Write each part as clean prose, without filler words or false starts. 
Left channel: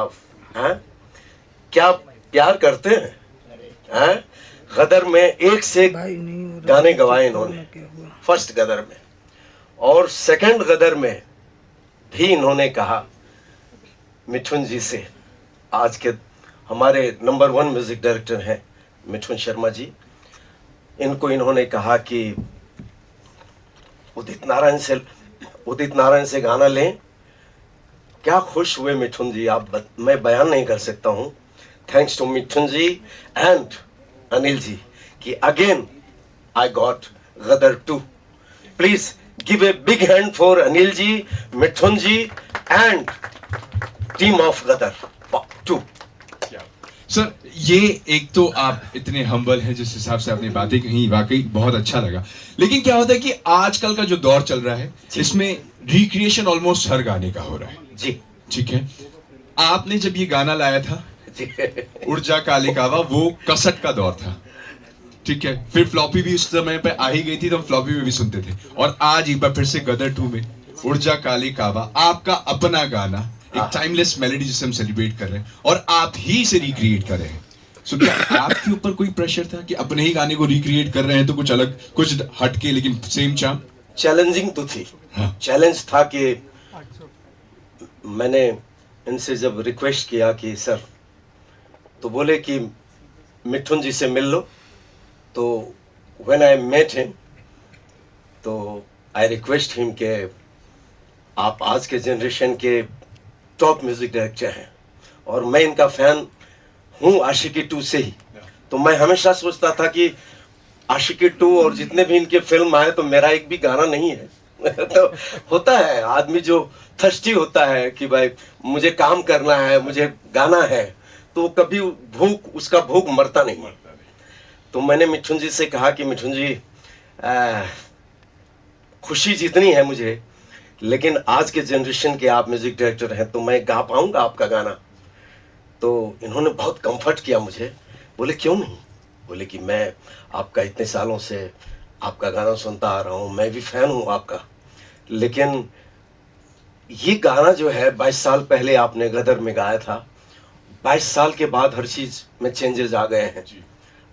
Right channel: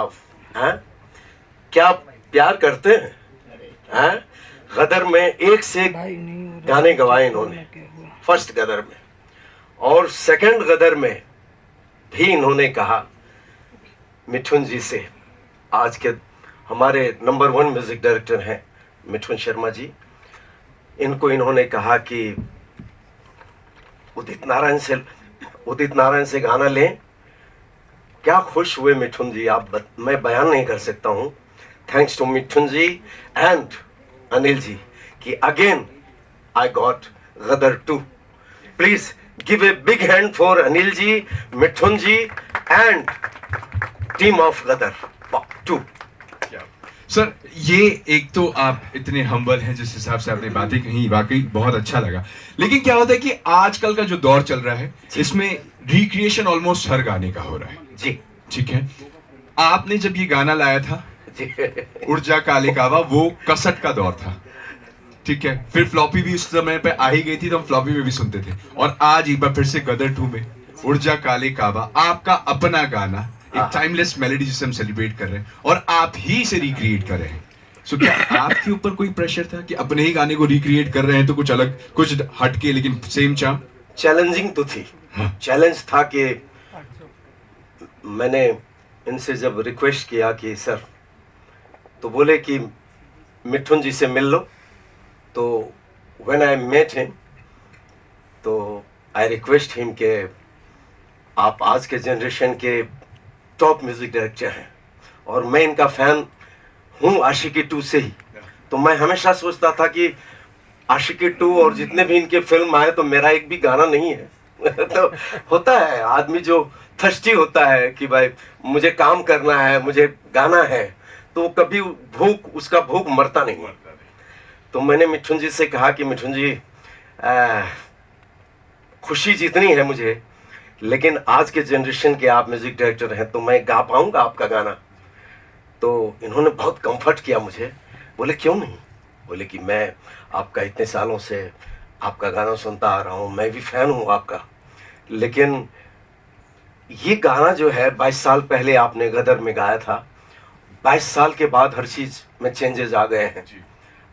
साहब, हैं क्या प्यार करते हैं। गदर में एक से एक गाने गवाए इन्होंने, फर्स्ट गदर में, और सेकंड गदर में भी इन्होंने कहा मिठुन जी से, आज के हमारे नंबर 1 म्यूजिक डायरेक्टर हैं मिठुन शर्मा जी, इनको इन्होंने कहा कि उदित नारायण से गाना लें। क्या खुश हुए मिठुन जी, मैं बयान नहीं कर सकता हूं। Thanks to Mithun ji and Anil ji कि again I got Gadar 2। Please give a big hand for Anil ji, Mithun ji and team of Gadar 2। Sir, ये एक तो आप इतने हम्बल हैं, जिस हिसाब से आपने बातें कही वाकई बहुत अच्छा लगा। लेकिन क्या होता है कि आजकल का जो दौर चल रहा है इसमें रिक्रिएशन ऑलमोस्ट हर गाने का हो रहा है जी। ठीक है, आपने जब ये गाना लाया था उड़ जा काले कावा, वो कसट का दौर था, ठीक है, फिर फ्लॉपी भी उस समय पे आ ही गई थी, तो हम फ्लॉपी में भी सुनते थे, और आज एक बार फिर से गदर 2 में उड़ जा काले कावा, आपका अपना गाना, एक टाइमलेस मेलोडी जिसे हम सेलिब्रेट कर रहे हैं और आप ही से रिक्रिएट कर रहे हैं। सो क्या आपके ऊपर कोई प्रेशर था कि अपने ही गाने को रिक्रिएट कर रहे हैं, तो कुछ अलग, कुछ हटके लेकिन सेम चार्म? चैलेंजिंग तो थी, चैलेंज था कि मैंने इनसे जब रिक्वेस्ट किया कि सर, तो बोले कि मिठुन जी से मिल लो। तो व्हेन आई मेट हिम, तो आई रिक्वेस्ट हिम के आप आज के जनरेशन के टॉप म्यूजिक डायरेक्टर हैं और मैं इनका फैन हूँ आशिकी 2 से ही। तो मैं हमेशा सोचता था कि आशिकी 2 और जितने भी इनके फिल्म आए तो मेरा एक भी गाना नहीं है। तो होता है आदमी जो थर्स्टी होता है कि भाई मुझे काम करना है, मुझे गाना है, तो कभी उसका भूख मरता नहीं। तो मैंने मिठुन जी से कहा कि मिठुन जी, खुशी जितनी है मुझे, लेकिन आज के जनरेशन के आप म्यूजिक डायरेक्टर हैं, तो मैं गा पाऊंगा आपका गाना? तो इन्होंने बहुत कंफर्ट किया मुझे, बोले क्यों नहीं, बोले कि मैं आपका इतने सालों से आपका गाना सुनता आ रहा हूँ, मैं भी फैन हूँ आपका, लेकिन ये गाना जो है 22 साल पहले आपने गदर में गाया था, 22 साल के बाद हर चीज में चेंजेस आ गए हैं,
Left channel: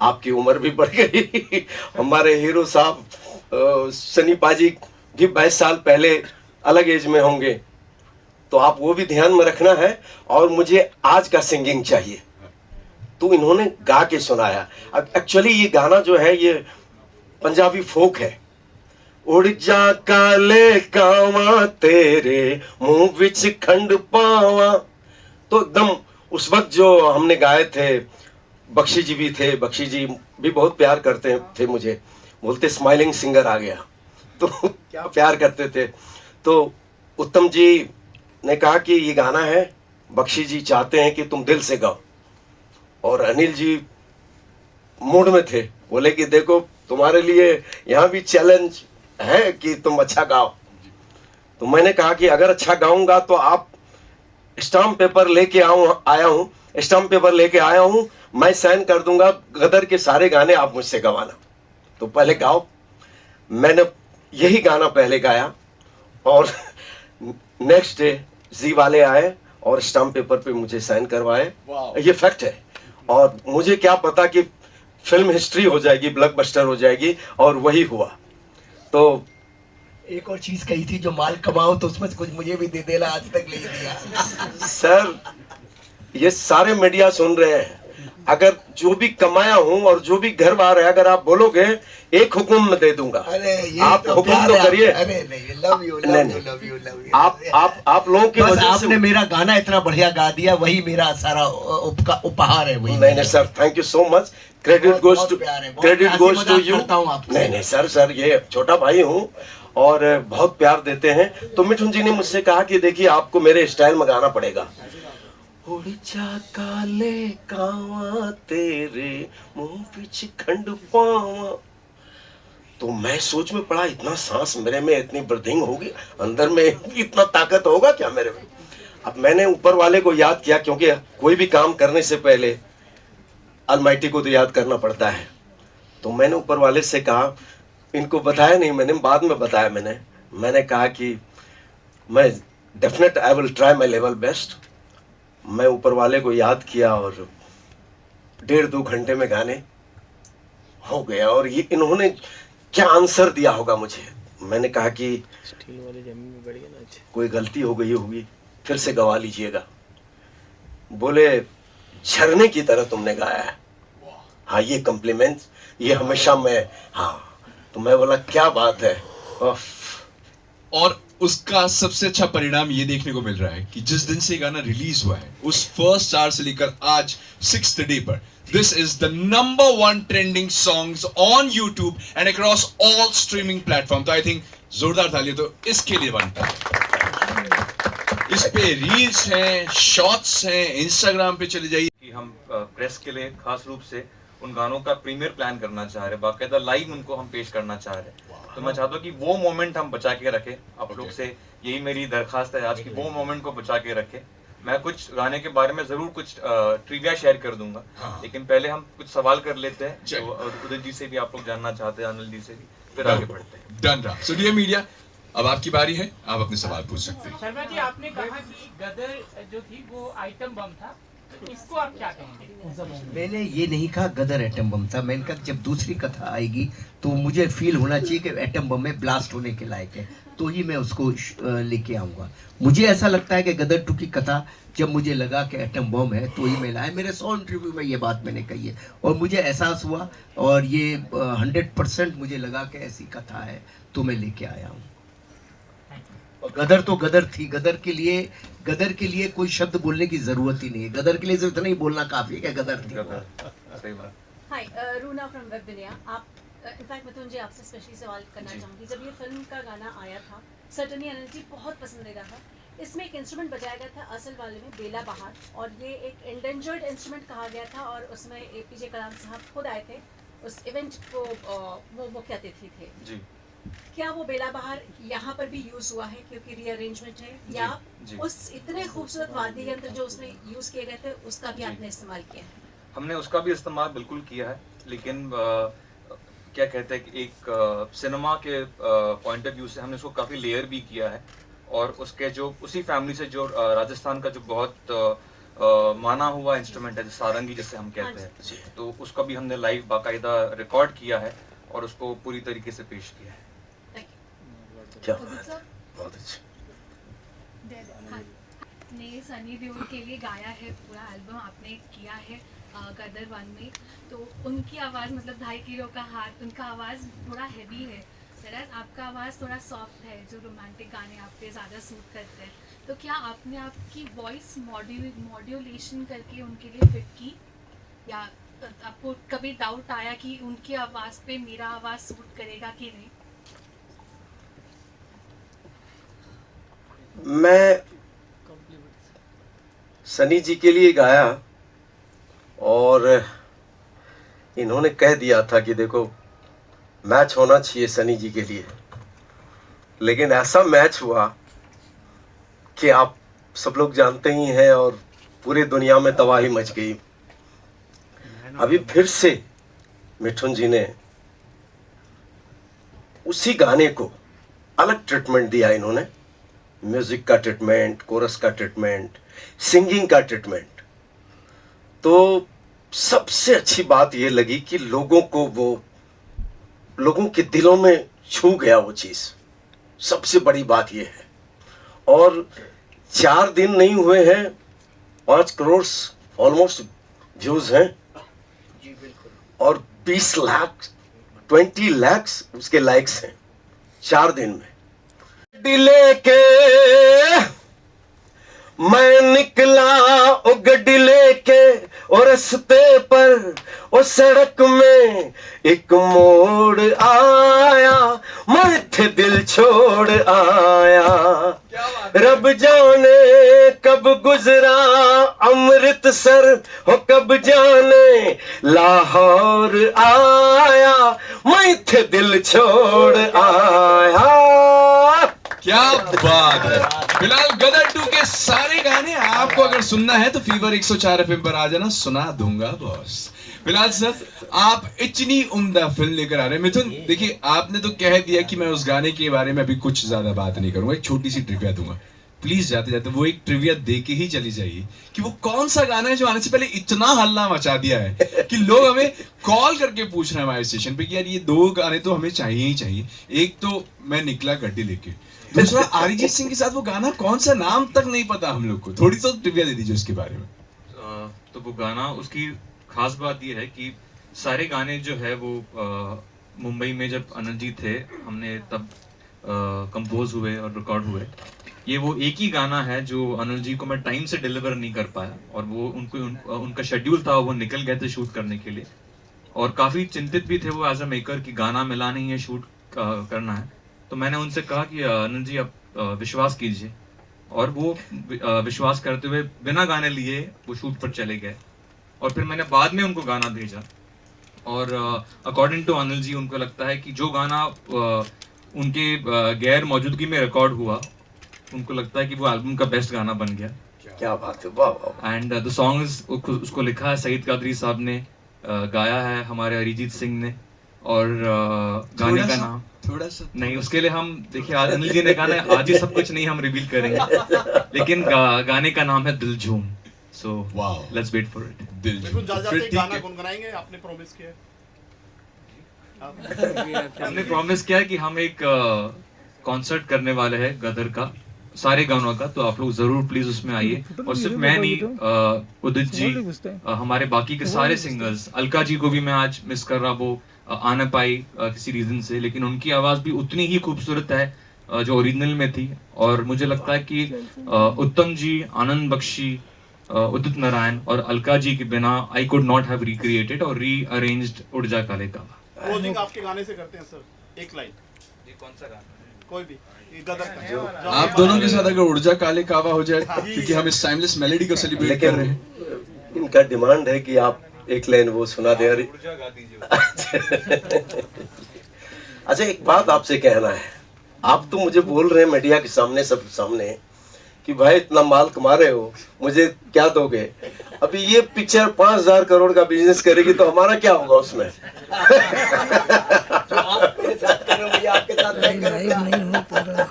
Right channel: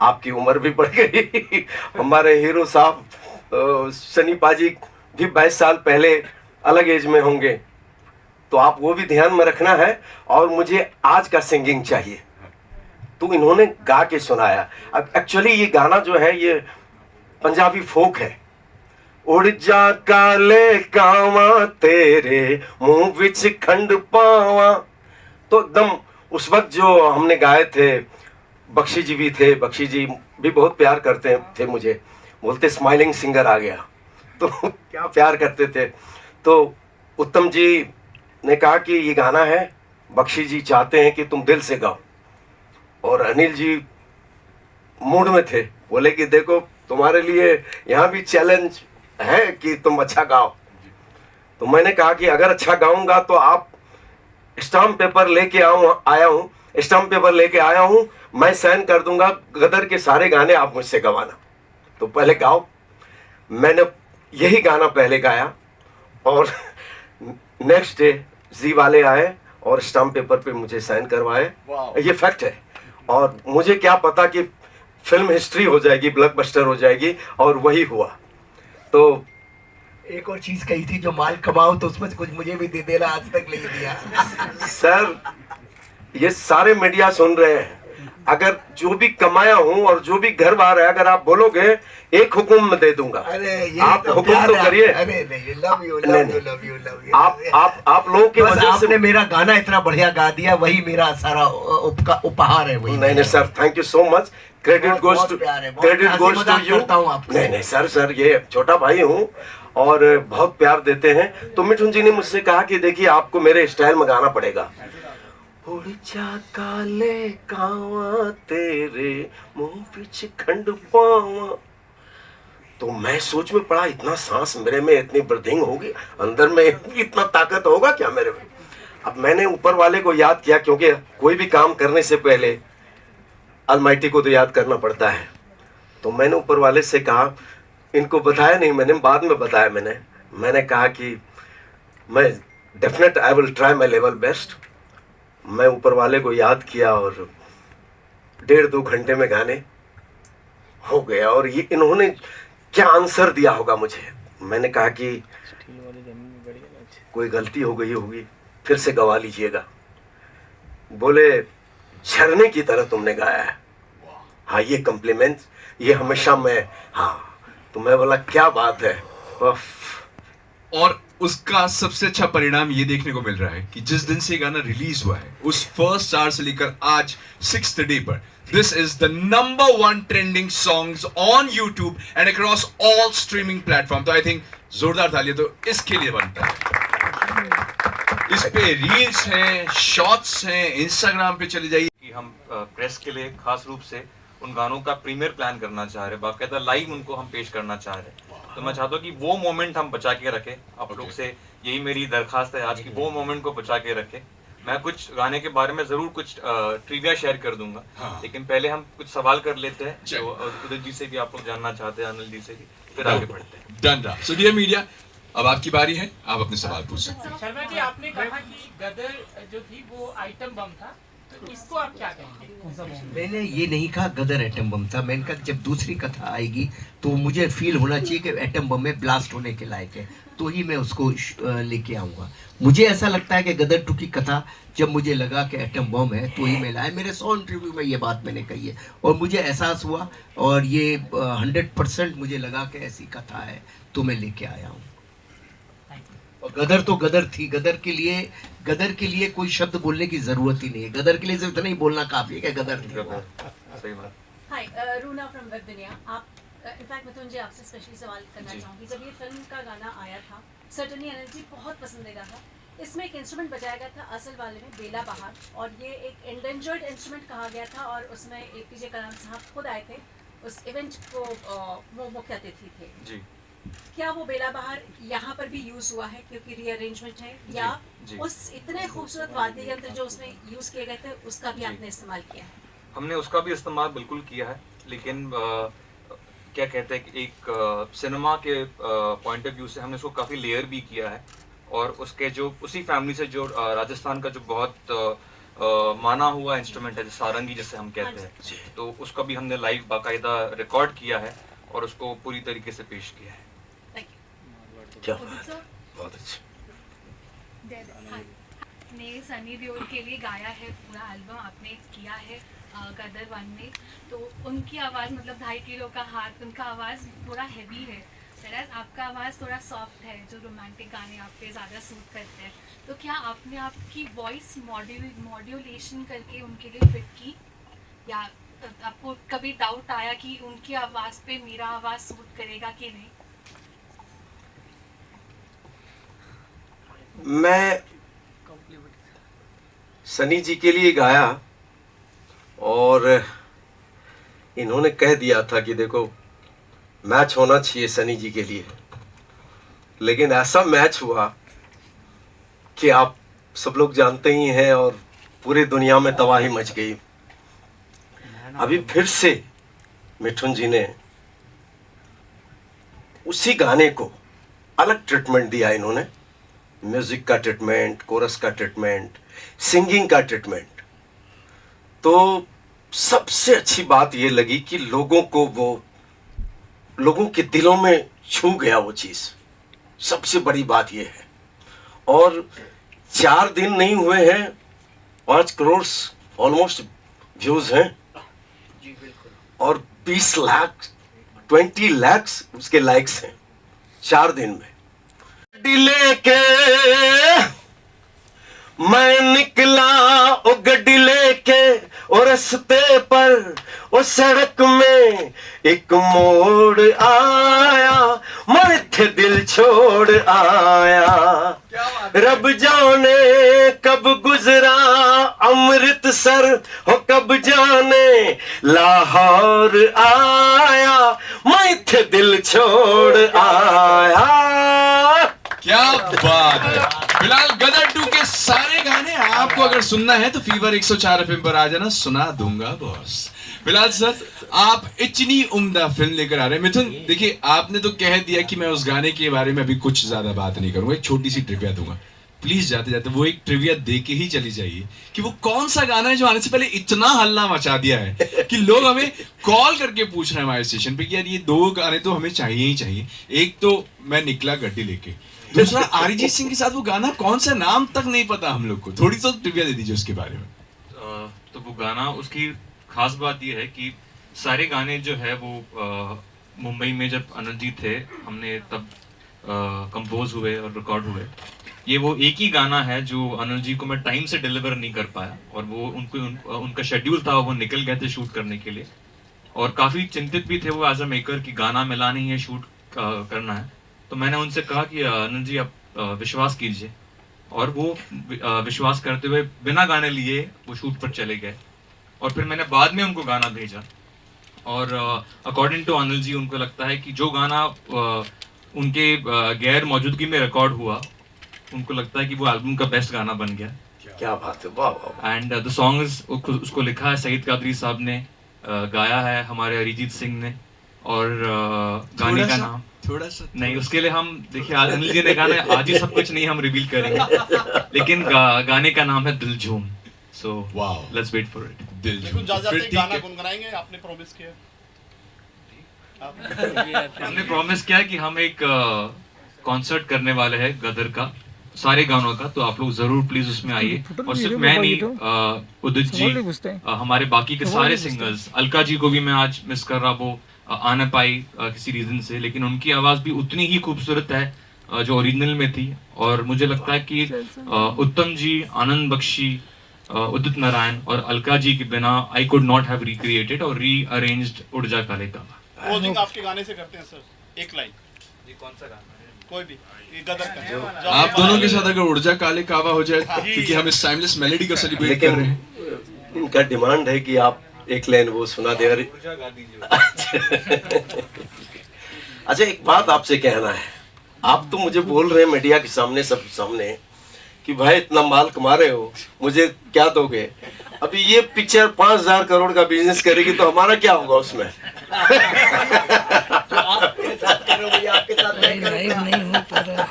आपकी उम्र भी बढ़ गई। हमारे हीरो साहब सनी पाजी भी 22 साल पहले अलग एज में होंगे, तो आप वो भी ध्यान में रखना है, और मुझे आज का सिंगिंग चाहिए। तो इन्होंने गा के सुनाया। अब एक्चुअली ये गाना जो है ये पंजाबी फोक है। उड़ जा काले कावा तेरे मुंह विच खंड पावा, तो एकदम उस वक्त जो हमने गाए थे, बख्शी जी भी थे, बख्शी जी भी बहुत प्यार करते थे मुझे, बोलते स्माइलिंग सिंगर आ गया, तो क्या प्यार करते थे। तो उत्तम जी ने कहा कि ये गाना है, बख्शी जी चाहते हैं कि तुम दिल से गाओ, और अनिल जी मूड में थे, बोले कि देखो तुम्हारे लिए यहाँ भी चैलेंज है कि तुम अच्छा गाओ। तो मैंने कहा कि अगर अच्छा गाऊंगा तो आप स्टाम्प पेपर लेके आया हूं, मैं साइन कर दूंगा, गदर के सारे गाने आप मुझसे गवाना, तो पहले गाओ। मैंने यही गाना पहले गाया, और नेक्स्ट डे जी वाले आए और स्टाम्प पेपर पे मुझे साइन करवाए। ये फैक्ट है, और मुझे क्या पता कि फिल्म हिस्ट्री हो जाएगी, ब्लॉकबस्टर हो जाएगी, और वही हुआ। तो एक और चीज कही थी, जो माल कमाओ तो उसमें से कुछ मुझे भी दे देना, आज तक नहीं दिया। सर, ये सारे मीडिया सुन रहे हैं, अगर जो भी कमाया हूं और जो भी घर बार है, अगर आप बोलोगे एक हुक्म में दे दूंगा। अरे ये आप हुक्म तो करिए। अरे नहीं, लव यू लव यू। आप लोगों की वजह से आपने मेरा गाना इतना बढ़िया गा दिया, वही मेरा सारा उपहार है। वही नहीं sir, thank you so much, credit goes to you. नहीं सर, ये छोटा भाई हूँ और बहुत प्यार देते हैं। तो मिठुन जी ने मुझसे कहा कि देखिए आपको मेरे स्टाइल में गाना पड़ेगा। उड़ जा काले कावा तेरे मुंह विच खंड पावा, तो मैं सोच में पड़ा, इतना सांस मेरे में, इतनी ब्रीथिंग होगी अंदर में, इतना ताकत होगा क्या मेरे में? अब मैंने ऊपर वाले को याद किया, क्योंकि कोई भी काम करने से पहले अलमाइटी को तो याद करना पड़ता है। तो मैंने ऊपर वाले से कहा, इनको बताया नहीं मैंने, बाद में बताया मैंने कहा कि मैं definite I will try my level best, मैं ऊपर वाले को याद किया और 1.5-2 घंटे में गाने हो गया। और ये इन्होंने क्या आंसर दिया होगा मुझे। मैंने कहा कि कोई गलती हो गई होगी, फिर से गवा लीजिएगा। बोले झरने की तरह तुमने गाया है। हाँ, ये कॉम्प्लीमेंट ये हमेशा मैं, हाँ। तो मैं बोला क्या बात है। उफ। और उसका सबसे अच्छा परिणाम ये देखने को मिल रहा है कि जिस दिन से गाना रिलीज हुआ है, उस फर्स्ट आवर से लेकर आज 6th डे पर, this is the number 1 trending songs on YouTube and across all streaming platform. तो आई थिंक जोरदार तालियां तो इसके लिए बनता है। इस पे रील्स हैं, शॉर्ट्स हैं, इंस्टाग्राम पे चले जाइए। कि हम प्रेस के लिए खास रूप से उन गानों का प्रीमियर प्लान करना चाह रहे हैं, बाकायदा लाइव उनको हम पेश करना चाह रहे हैं। तो मैं चाहता हूँ कि वो मोमेंट हम बचा के रखें। आप लोग से यही मेरी दरखास्त है आज की, वो मोमेंट को बचा के रखें। मैं कुछ गाने के बारे में जरूर कुछ ट्रिविया शेयर कर दूंगा, लेकिन पहले हम कुछ सवाल कर लेते हैं जो उदय जी से भी आप लोग जानना चाहते हैं, अनिल जी से भी, फिर आगे बढ़ते हैं। डन रहा। सो डियर मीडिया, अब आपकी बारी है, आप अपने सवाल पूछ सकते हैं। शर्मा जी, आपने कहा कि गदर जो थी वो आइटम बम था, तो इसको आप क्या कहेंगे? मैंने ये नहीं कहा गदर एटम बम था। मैंने कहा जब दूसरी कथा आएगी तो मुझे फील होना चाहिए कि एटम बम में ब्लास्ट होने के लायक है, तो ही मैं उसको लेके आऊँगा। मुझे ऐसा लगता है कि गदर 2 की कथा जब मुझे लगा कि एटम बम है तो ही मैं लाया। मेरे 100 इंटरव्यू में ये बात मैंने कही है और मुझे एहसास हुआ और ये 100% मुझे लगा कि ऐसी कथा है तो मैं लेके आया हूँ। और गदर तो गदर थी। गदर के लिए कोई शब्द बोलने की जरूरत ही नहीं है। गदर के लिए सिर्फ इतना ही बोलना काफी है कि गदर थी। सही बात। हाय, रूना फ्रॉम वेब दुनिया। आप इनफैक्ट मैं तुझे आपसे स्पेशली सवाल करना चाहूँगी। जब ये फिल्म का गाना आया था, सर्टनली अनिल जी बहुत पसंदीदा था। इसमें एक इंस्ट्रूमेंट बजाया गया था असल वाले में, बेला बहार, और ये एक एंडेंजर्ड इंस्ट्रूमेंट कहा गया था। और उसमें APJ कलाम साहब खुद आए थे उस इवेंट को, वो मुख्य अतिथि थे जी। क्या वो बेला बहार यहाँ पर भी यूज हुआ है क्योंकि रीअरेंजमेंट है, या जी। उस इतने खूबसूरत वाद्य यंत्र जो उसमें यूज किए गए थे उसका भी आपने इस्तेमाल किया? हमने उसका भी इस्तेमाल बिल्कुल किया है, लेकिन क्या कहते हैं कि एक सिनेमा के पॉइंट ऑफ व्यू से हमने उसको काफ़ी लेयर भी किया है। और उसके जो उसी फैमिली से जो राजस्थान का जो बहुत माना हुआ इंस्ट्रूमेंट है, सारंगी जिसे हम कहते हैं, तो उसका भी हमने लाइव बाकायदा रिकॉर्ड किया है और उसको पूरी तरीके से पेश किया है। क्या बहुत अच्छा। ने सनी देओल के लिए गाया है, पूरा एल्बम आपने किया है गदर 1 में, तो उनकी आवाज़ मतलब 2.5 किलो का हाथ, उनका आवाज़ पूरा हैवी है, वैराज आपका आवाज़ थोड़ा सॉफ्ट है, जो रोमांटिक गाने आप पे ज़्यादा सूट करते हैं। तो क्या आपने आपकी वॉइस मॉड्यूलेशन करके उनके लिए फिट की, या आपको कभी डाउट आया कि उनकी आवाज़ पे मेरा आवाज़ सूट करेगा कि नहीं? मैं सनी जी के लिए गाया और इन्होंने कह दिया था कि देखो मैच होना चाहिए सनी जी के लिए, लेकिन ऐसा मैच हुआ कि आप सब लोग जानते ही हैं और पूरी दुनिया में तबाही मच गई। अभी फिर से मिठुन जी ने उसी गाने को अलग ट्रीटमेंट दिया। इन्होंने म्यूजिक का ट्रीटमेंट, कोरस का ट्रीटमेंट, सिंगिंग का ट्रीटमेंट। तो सबसे अच्छी बात ये लगी कि लोगों के दिलों में छू गया वो चीज। सबसे बड़ी बात ये है। और 4 दिन नहीं हुए हैं, 5 करोड़ ऑलमोस्ट व्यूज हैं और 20 लाख 20 लाख उसके लाइक्स हैं 4 दिन में। गड्डी के मैं निकला ओ गड्डी लेके और रस्ते पर ओ सड़क में एक मोड़ आया, मैं थे दिल छोड़ आया। रब जाने कब गुजरा अमृतसर हो, कब जाने लाहौर आया, मैं थे दिल छोड़ आया। क्या बात है। फिलहाल गदर 2 के सारे गाने आपको अगर सुनना है तो फीवर 104 FM पर आ जाना, सुना दूंगा बॉस। फिलहाल सर, आप इतनी उम्दा फिल्म लेकर आ रहे हैं। मिथुन देखिए, आपने तो कह दिया कि मैं उस गाने के बारे में अभी कुछ ज्यादा बात नहीं करूंगा, एक छोटी सी ट्रिविया दूंगा। प्लीज जाते जाते वो एक ट्रिविया दे के ही चली जाइए कि वो कौन सा गाना है जो आने से पहले इतना हल्ला मचा दिया है कि लोग हमें कॉल करके पूछ रहे हैं हमारे स्टेशन पे कि यार ये 2 गाने तो हमें चाहिए ही चाहिए। एक तो मैं निकला गड्डी लेके, दूसरा अरिजीत सिंह के साथ वो गाना कौन सा नाम तक नहीं पता हम लोग को, थोड़ी तो ट्रिविया दे दीजिए उसके बारे में। तो वो गाना, उसकी खास बात ये है कि सारे गाने जो है वो मुंबई में जब अनिल जी थे हमने तब कंपोज हुए और रिकॉर्ड हुए। ये वो एक ही गाना है जो अनिल जी को मैं टाइम से डिलीवर नहीं कर पाया और वो उनका शेड्यूल था, वो निकल गए थे शूट करने के लिए और काफ़ी चिंतित भी थे वो एज अ मेकर कि गाना मिला नहीं है, शूट करना है। तो मैंने उनसे कहा कि अनिल जी आप विश्वास कीजिए और वो विश्वास करते हुए बिना गाने लिए वो शूट पर चले गए और फिर मैंने बाद में उनको गाना भेजा और अकॉर्डिंग टू अनिल जी उनको लगता है कि जो गाना उनके गैर मौजूदगी में रिकॉर्ड हुआ, उनको लगता है कि वो एल्बम का बेस्ट गाना बन गया। क्या बात है, वाह वाह। एंड द सॉन्ग इज, उसको लिखा है सईद कादरी साहब ने, गाया है हमारे अरिजीत सिंह ने और गाने का नाम थोड़ा सा नहीं, उसके लिए हम देखिए आज अनिल जी ने गाना है, आज ही सब कुछ नहीं हम रिवील करेंगे लेकिन गाने का नाम है Dil Jhoom. So wow, let's wait for it. Dil Jhoom. फिर ठीक गाना है, गुनगुनाएंगे, आपने प्रॉमिस किया। हमने प्रॉमिस किया कि हम एक कॉन्सर्ट करने वाले हैं गदर का, सारे गानों का, तो आप लोग जरूर प्लीज उसमें आइए। और सिर्फ मैं नहीं, उदित जी, हमारे बाकी के सारे सिंगर्स, अलका जी को भी मैं आज मिस कर रहा, वो आ ना पाई किसी रीजन से, लेकिन उनकी आवाज भी उतनी ही खूबसूरत है जो ओरिजिनल में थी। और मुझे लगता है कि उत्तम जी, आनंद बख्शी, उदित नारायण और अलका जी के बिना I could not have recreated और रीअरेंज्ड उड़ जा काले का। क्लोजिंग आपके गाने से करते हैं सर, एक लाइन। ये कौन सा गाना? कोई भी, ये गदर का। आप दोनों के साथ अगर ऊर्जा काले कावा हो जाए, क्योंकि हम इस टाइमलेस मेलोडी को सेलिब्रेट कर रहे हैं। इनका डिमांड है कि आप एक लाइन वो सुना दे। अच्छा, एक बात आपसे कहना है, आप तो मुझे बोल रहे हैं मीडिया के सामने, सब सामने, कि भाई इतना माल कमा रहे हो, मुझे क्या दोगे? अभी ये पिक्चर 5,000 करोड़ का बिजनेस करेगी तो हमारा क्या होगा उसमें? जो आप मेरे साथ कर रहे हो, ये आपके साथ मैं कर रहा हूं। नहीं हो पा रहा।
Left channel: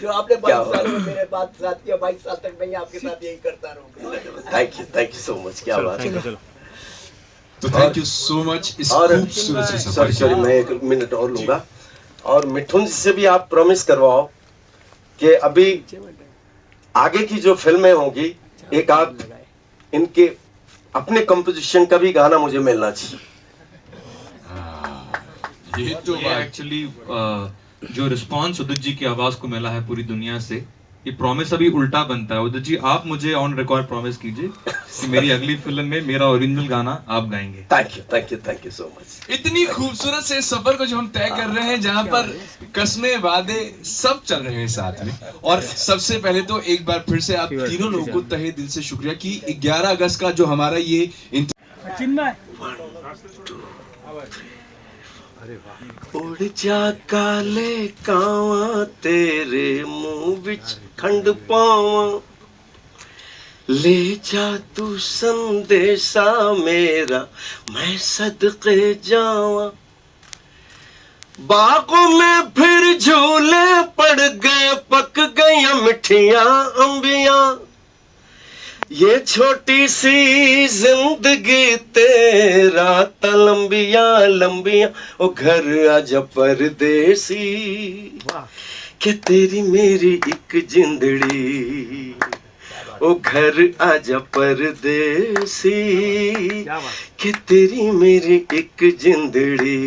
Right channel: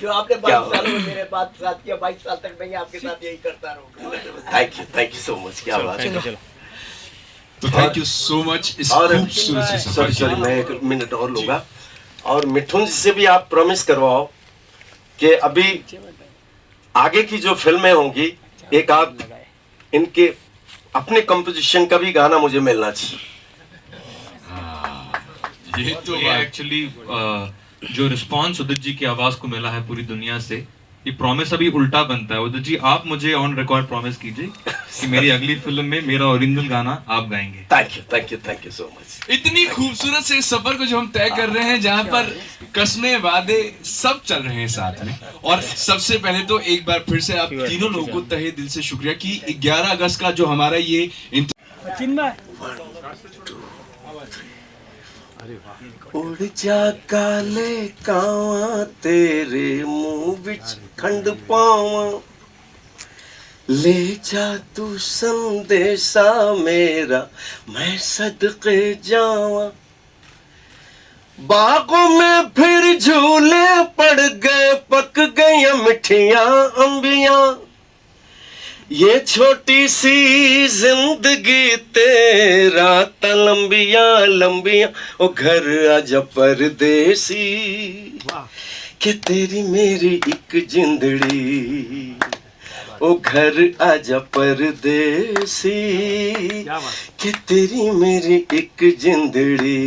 जो आपने क्या 22 सालों में मेरे साथ किया, 22 साल तक मैं आपके साथ यही करता रहूंगा। Thank you so much. क्या बात है। तो थैंक यू सो मच इस और खूबसूरत से सफर सॉरी मैं 1 मिनट और लूंगा। और मिठुन जी से भी आप प्रॉमिस करवाओ कि अभी आगे की जो फिल्में होंगी, एक आध इनके अपने कंपोजिशन का भी गाना मुझे मिलना चाहिए। ये तो ये एक्चुअली जो रिस्पांस उदित जी की आवाज को मिला है पूरी दुनिया से, ये प्रॉमिस अभी उल्टा बनता है। उदित जी, आप मुझे ऑन रिकॉर्ड प्रॉमिस कीजिए कि मेरी अगली फिल्म में मेरा ओरिजिनल गाना आप गाएंगे। Thank you so much. इतनी खूबसूरत से सफर को जो हम तय कर रहे हैं, जहां पर कस्में, वादे सब चल रहे हैं साथ में। और सबसे पहले तो एक बार फिर से आप तीनों लोगों को तहे दिल से शुक्रिया कि 11 अगस्त का जो हमारा ये उड़ जा काले कावा, तेरे मुंह विच खंड पावा, ले जा तू संदेशा मेरा, मैं सदके जावा। बागों में फिर झूले पड़ गए, पक गई मिठियां अंबियां, ये छोटी सी जिंदगी तेरा ता लंबिया लंबिया, ओ घर आजा परदेसी, के तेरी मेरी एक जिंदड़ी, ओ घर आजा परदेसी, के तेरी मेरी एक जिंदड़ी,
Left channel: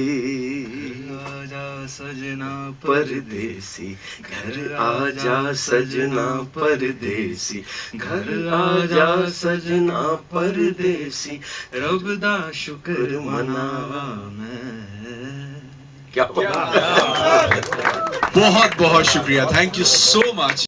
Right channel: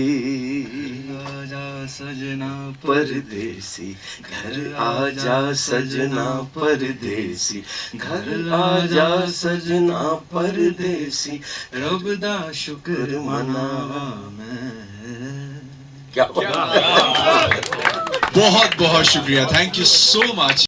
सजना परदेसी, घर आजा सजना परदेसी, घर आजा सजना परदेसी, रब दा शुक्र मनावा मैं। क्या बहुत बहुत शुक्रिया, थैंक यू सो मच।